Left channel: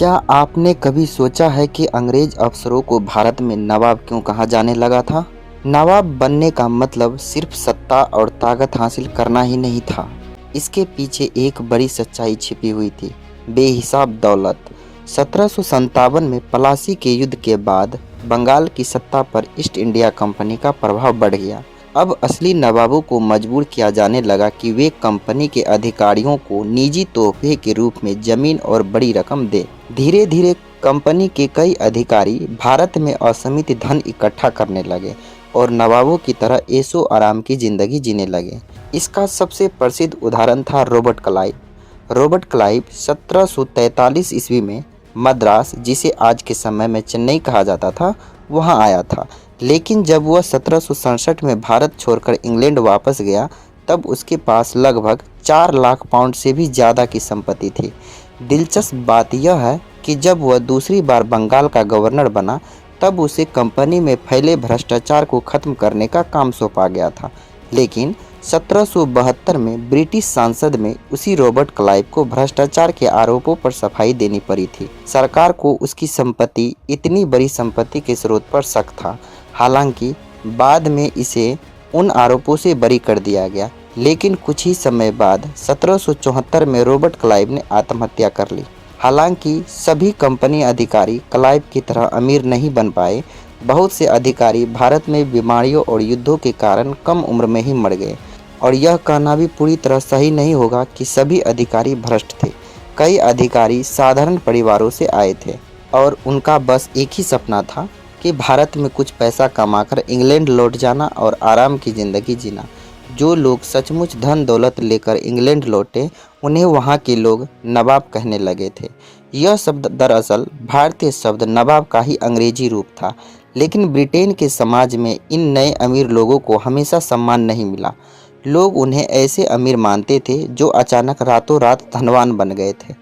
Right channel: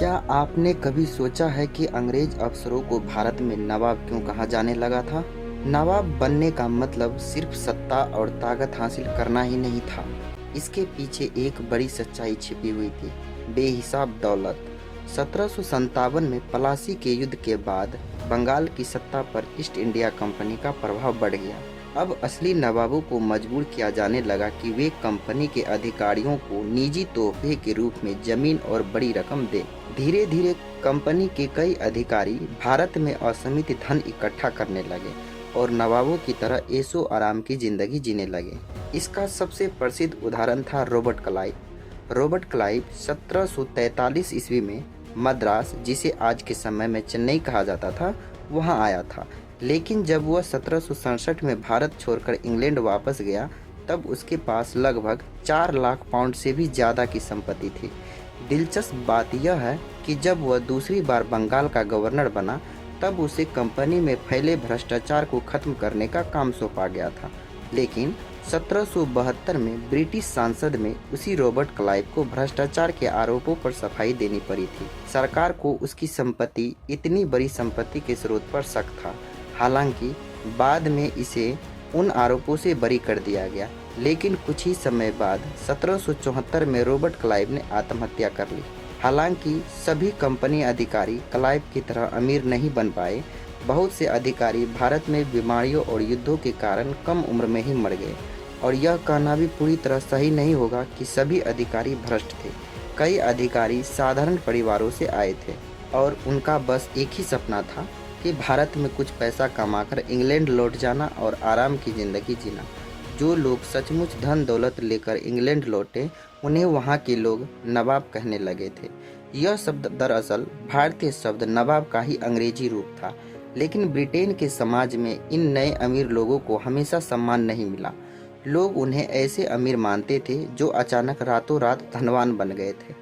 क्या आपने कभी सोचा है कि अंग्रेज अफसरों को भारत में नवाब क्यों कहा जाने लगा था? नवाब बनने का मतलब सिर्फ सत्ता और ताकत हासिल करना ही नहीं था। इसके पीछे एक बड़ी सच्चाई छिपी हुई थी, बेहिसाब दौलत। 1757 में प्लासी के युद्ध के बाद बंगाल की सत्ता पर ईस्ट इंडिया कंपनी का प्रभाव बढ़ गया। अब असली नवाबों को मजबूर किया जाने लगा कि वे कंपनी के अधिकारियों को निजी तोहफे के रूप में जमीन और बड़ी रकम दें। धीरे धीरे कंपनी के कई अधिकारी भारत में असीमित धन इकट्ठा करने लगे और नवाबों की तरह ऐशो आराम की जिंदगी जीने लगे। इसका सबसे प्रसिद्ध उदाहरण था रॉबर्ट क्लाइव। रॉबर्ट क्लाइव 1743 ईस्वी में मद्रास, जिसे आज के समय में चेन्नई कहा जाता था, वहां आया था। लेकिन जब वह 1767 में भारत छोड़कर इंग्लैंड वापस गया, तब उसके पास लगभग 4 लाख पाउंड से भी ज़्यादा की संपत्ति थी। दिलचस्प बात यह है कि जब वह दूसरी बार बंगाल का गवर्नर बना, तब उसे कंपनी में फैले भ्रष्टाचार को खत्म करने का काम सौंपा गया था। लेकिन 1772 में ब्रिटिश संसद में उसी रॉबर्ट क्लाइव को भ्रष्टाचार के आरोपों पर सफाई देनी पड़ी थी। सरकार को उसकी संपत्ति, इतनी बड़ी संपत्ति के स्रोत पर शक था। हालांकि बाद में इसे उन आरोपों से बरी कर दिया गया, लेकिन कुछ ही समय बाद 1774 में रॉबर्ट क्लाइव ने आत्महत्या कर ली। हालांकि सभी कंपनी अधिकारी क्लाइव की तरह अमीर नहीं बन पाए। बहुत से अधिकारी भारत में बीमारियों और युद्धों के कारण कम उम्र में ही मर गए, और यह कहना भी पूरी तरह सही नहीं होगा कि सभी अधिकारी भ्रष्ट थे। कई अधिकारी साधारण परिवारों से आए थे और उनका बस एक ही सपना था कि भारत में कुछ पैसा कमाकर इंग्लैंड लौट जाना और आराम की ज़िंदगी जीना। जो लोग सचमुच धन दौलत लेकर इंग्लैंड लौटे, उन्हें वहाँ के लोग नवाब कहने लगे थे। यह शब्द दरअसल भारतीय शब्द नवाब का ही अंग्रेजी रूप था, लेकिन ब्रिटेन के समाज में इन नए अमीर लोगों को हमेशा सम्मान नहीं मिला। लोग उन्हें ऐसे अमीर मानते थे जो अचानक रातों रात धनवान बन गए थे।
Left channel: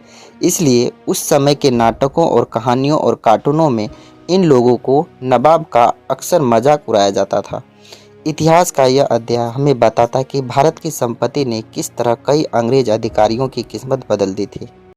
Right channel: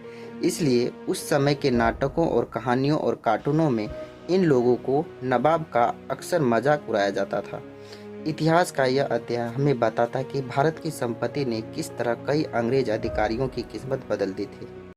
इसलिए उस समय के नाटकों और कहानियों और कार्टूनों में इन लोगों को नवाब का अक्सर मजाक उड़ाया जाता था। इतिहास का यह अध्याय हमें बताता कि भारत की संपत्ति ने किस तरह कई अंग्रेज अधिकारियों की किस्मत बदल दी थी।